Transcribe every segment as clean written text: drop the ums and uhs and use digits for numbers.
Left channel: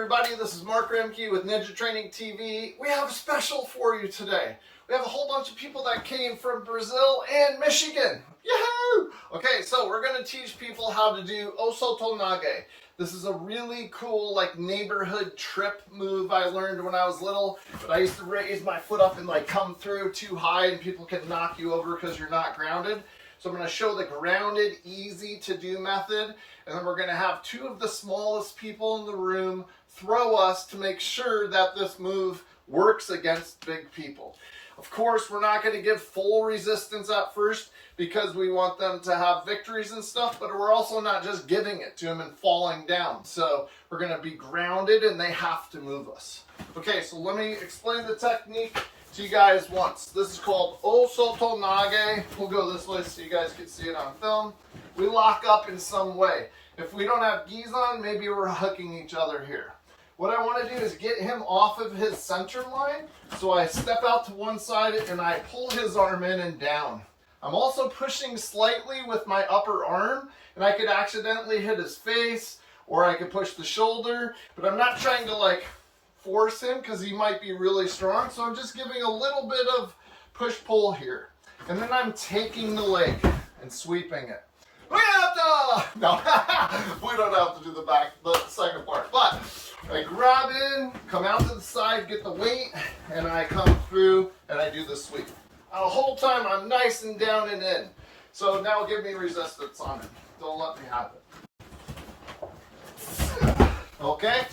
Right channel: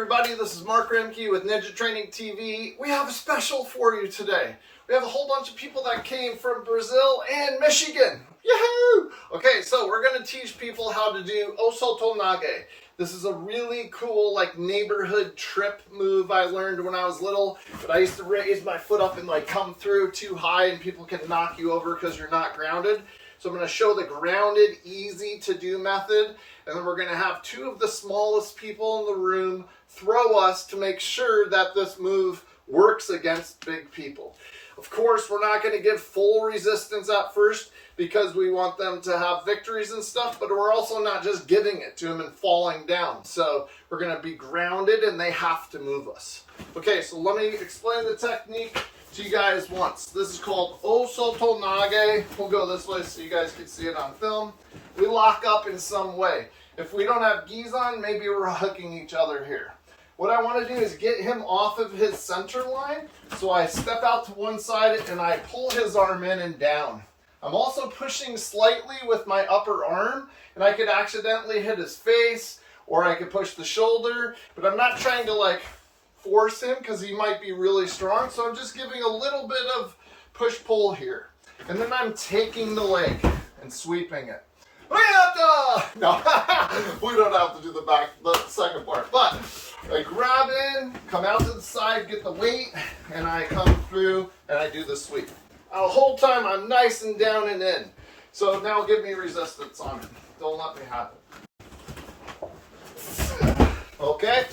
everybody, this is Mark Roemke with Ninja Training TV. We have a special for you today. We have a whole bunch of people that came from Brazil and Michigan. Yahoo! Okay, so we're going to teach people how to do Osoto Nage. This is a really cool neighborhood trip move I learned when I was little. But I used to raise my foot up and come through too high and people can knock you over because you're not grounded. So I'm going to show the grounded, easy to do method. And then we're going to have two of the smallest people in the room throw us to make sure that this move works against big people. Of course, we're not going to give full resistance at first because we want them to have victories and stuff, but we're also not just giving it to them and falling down. So we're going to be grounded and they have to move us. Okay, so let me explain the technique to you guys once. This is called Osoto Nage. We'll go this way so you guys can see it on film. We lock up in some way. If we don't have gis on, maybe we're hugging each other here. What I want to do is get him off of his center line. So I step out to one side and I pull his arm in and down. I'm also pushing slightly with my upper arm, and I could accidentally hit his face or I could push the shoulder, but I'm not trying to force him because he might be really strong. So I'm just giving a little bit of push-pull here. And then I'm taking the leg and sweeping it. No, we don't have to do the second part. But I grab in, come out to the side, get the weight, and I come through and I do the sweep. The whole time I'm nice and down and in. So now give me resistance on it. Don't let me have it. Okay?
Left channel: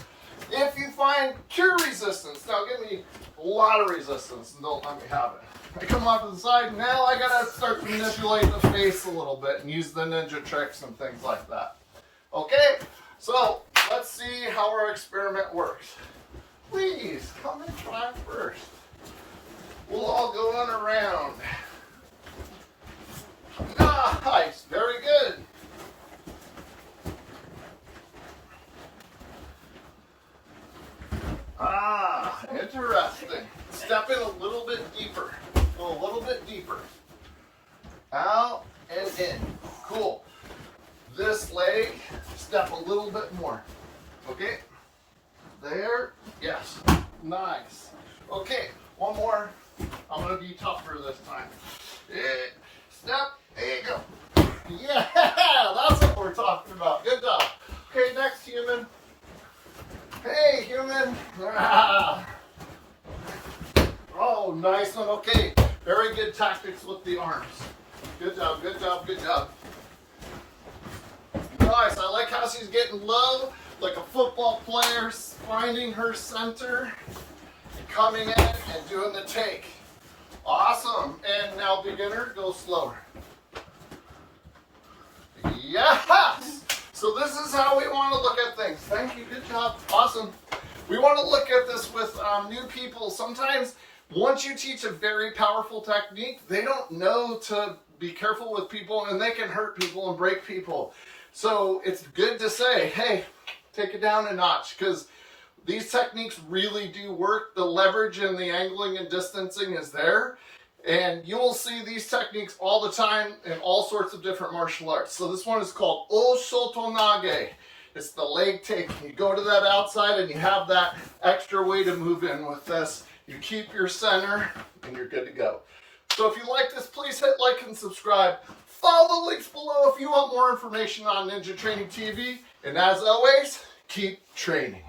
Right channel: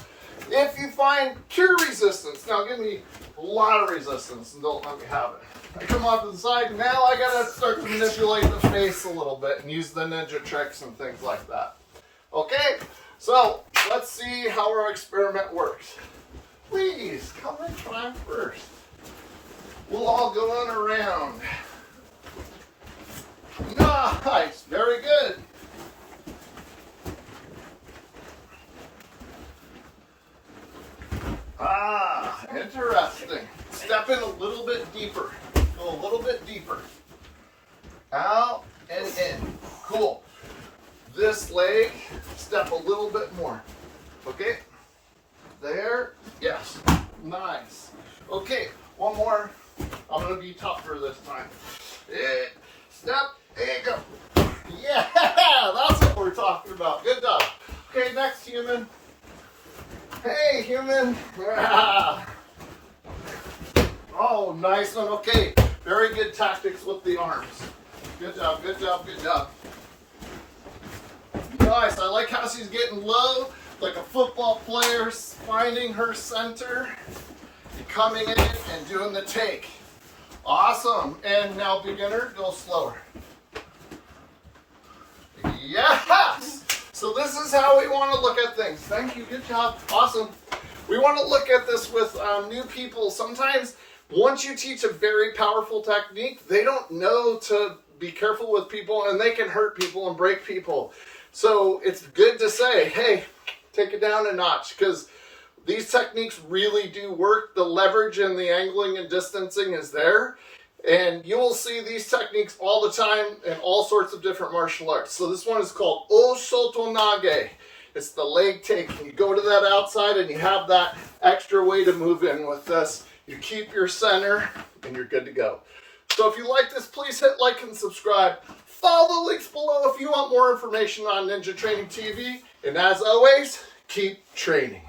If you find pure resistance, now give me a lot of resistance and don't let me have it. I come off to the side, now I gotta start to manipulate the face a little bit and use the ninja tricks and things like that. Okay, so let's see how our experiment works. Please, come and try first. We'll all go on around. Nice, very good. Interesting. Step in a little bit deeper. A little bit deeper. Out and in. Cool. This leg, step a little bit more. Okay. There. Yes. Nice. Okay. One more. I'm going to be tougher this time. Step and go. Yeah. That's what we're talking about. Good job. Okay. Next human. Hey, human. Oh, nice one. Okay. Very good tactics with the arms. Good job, good job, good job. Nice. I like how she's getting low, like a football player, finding her center, and coming in and doing the take. Awesome. And now, beginner, go slower. Yes! So this is how we want to look at things. Thank you. Good job. Awesome. We want to look at this with new people. Sometimes once you teach a very powerful technique, they don't know to be careful with people and they can hurt people and break people. So it's good to say, hey, take it down a notch, because these techniques really do work. The leverage and the angling and distancing is there. And you will see these techniques all the time in all sorts of different martial arts. So this one is called Osoto Nage. It's the leg take. You go to that outside and you have that extra way to move in with this. You keep your center and you're good to go. So if you like this, please hit like and subscribe. Follow the links below if you want more information on Ninja Training TV. And as always, keep training.